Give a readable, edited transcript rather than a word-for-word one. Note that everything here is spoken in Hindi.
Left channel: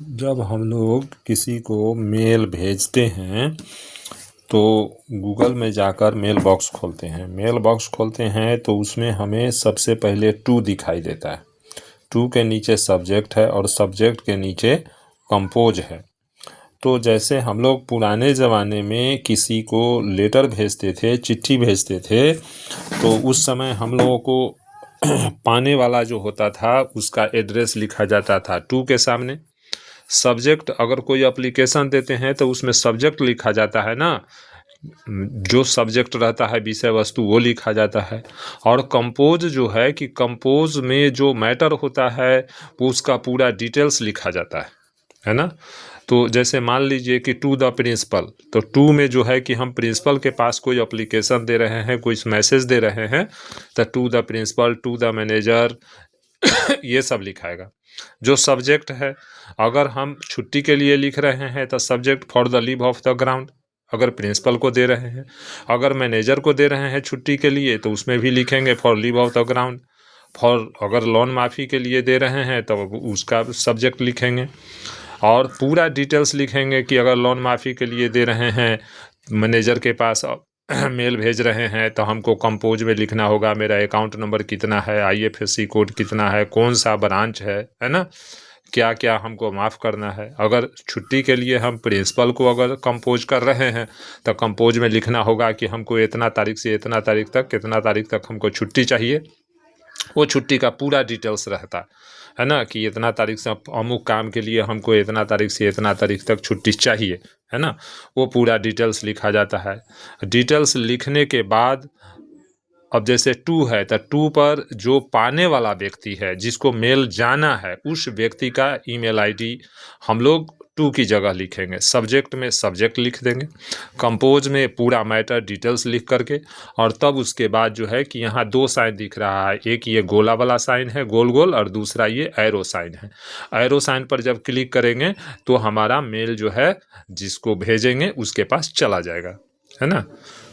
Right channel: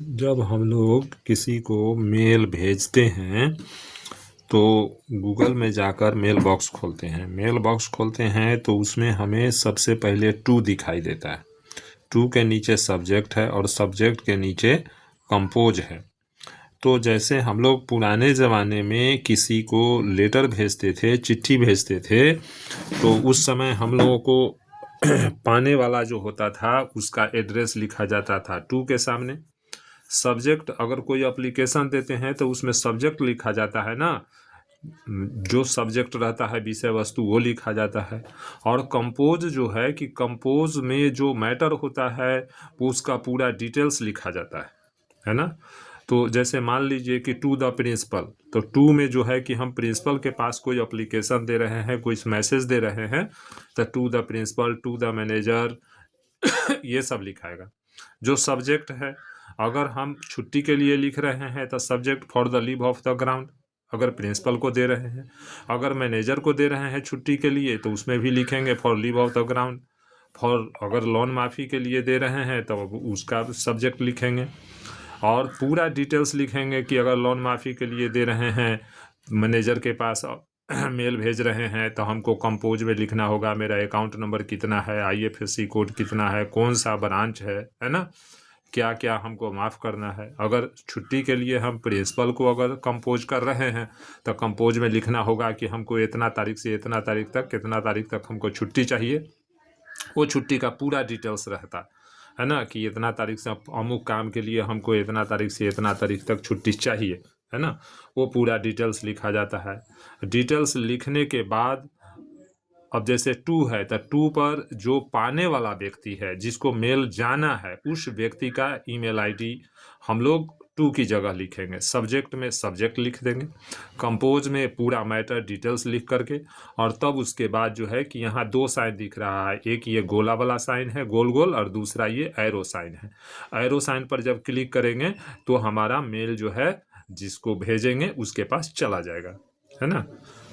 जब हम लोग किसी को मेल भेजते हैं तो गूगल में जाकर मेल बॉक्स खोलते हैं। मेल बॉक्स खोलते हैं तो उसमें हमें सबसे पहले टू दिखाई देता है। टू के नीचे सब्जेक्ट है और सब्जेक्ट के नीचे कंपोज है। तो जैसे हम लोग पुराने ज़माने में किसी को लेटर भेजते थे, चिट्ठी भेजते थे, तो उस समय हम लोगों को पाने वाला जो होता था उसका एड्रेस लिखा जाता था टू के सामने। सब्जेक्ट अगर कोई एप्लीकेशन देते हैं तो उसमें सब्जेक्ट लिखा जाता है ना, जो सब्जेक्ट रहता है विषय वस्तु वो लिखा जाता है। और कंपोज जो है कि कंपोज में जो मैटर होता है वो उसका पूरा डिटेल्स लिखा जाता है ना। तो जैसे मान लीजिए कि टू द प्रिंसिपल, तो टू में जो है कि हम प्रिंसिपल के पास कोई एप्लीकेशन दे रहे हैं, कोई मैसेज दे रहे हैं, तो to the principal, to the manager ये सब लिखाएगा। जो सब्जेक्ट है, अगर हम छुट्टी के लिए लिख रहे हैं तो subject for the leave of the ground, अगर प्रिंसिपल को दे रहे हैं। अगर मैनेजर को दे रहे हैं छुट्टी के लिए तो उसमें भी लिखेंगे for leave of the ground. For अगर लोन माफ़ी के लिए दे रहे हैं तो उसका सब्जेक्ट लिखेंगे और पूरा डिटेल्स लिखेंगे कि अगर लोन माफ़ी के लिए दे रहे हैं, मैनेजर के पास मेल भेज रहे हैं तो हमको कंपोज में लिखना होगा मेरा अकाउंट नंबर कितना है, आईएफएससी कोड कितना है, कौन सा ब्रांच है ना, क्या क्या हमको माफ़ करना है। अगर छुट्टी के लिए हम प्रिंसिपल को अगर कंपोज कर रहे हैं तो कंपोज में लिखना होगा कि हमको इतना तारीख से इतना तारीख तक, कितना तारीख तक हमको छुट्टी चाहिए। वो छुट्टी का पूरा डिटेल्स रहता है ना, कि इतना तारीख से अमुक काम के लिए हमको इतना तारीख से इतना तारीख तक छुट्टी चाहिए, है ना। वो पूरा डिटेल्स लिखा जाता है। डिटेल्स लिखने के बाद अब जैसे टू है तो टू पर जो पाने वाला व्यक्ति है, जिसको मेल जाना है, उस व्यक्ति का ईमेल आईडी हम लोग टू की जगह लिखेंगे। सब्जेक्ट में सब्जेक्ट लिख देंगे, कंपोज में पूरा मैटर डिटेल्स लिख करके। और तब उसके बाद जो है कि यहाँ दो साइन दिख रहा है, एक ये गोला वाला साइन है गोल गोल, और दूसरा ये एरो साइन है। एरो साइन पर जब क्लिक करेंगे तो हमारा मेल जो है जिसको भेजेंगे उसके पास चला जाएगा, है ना।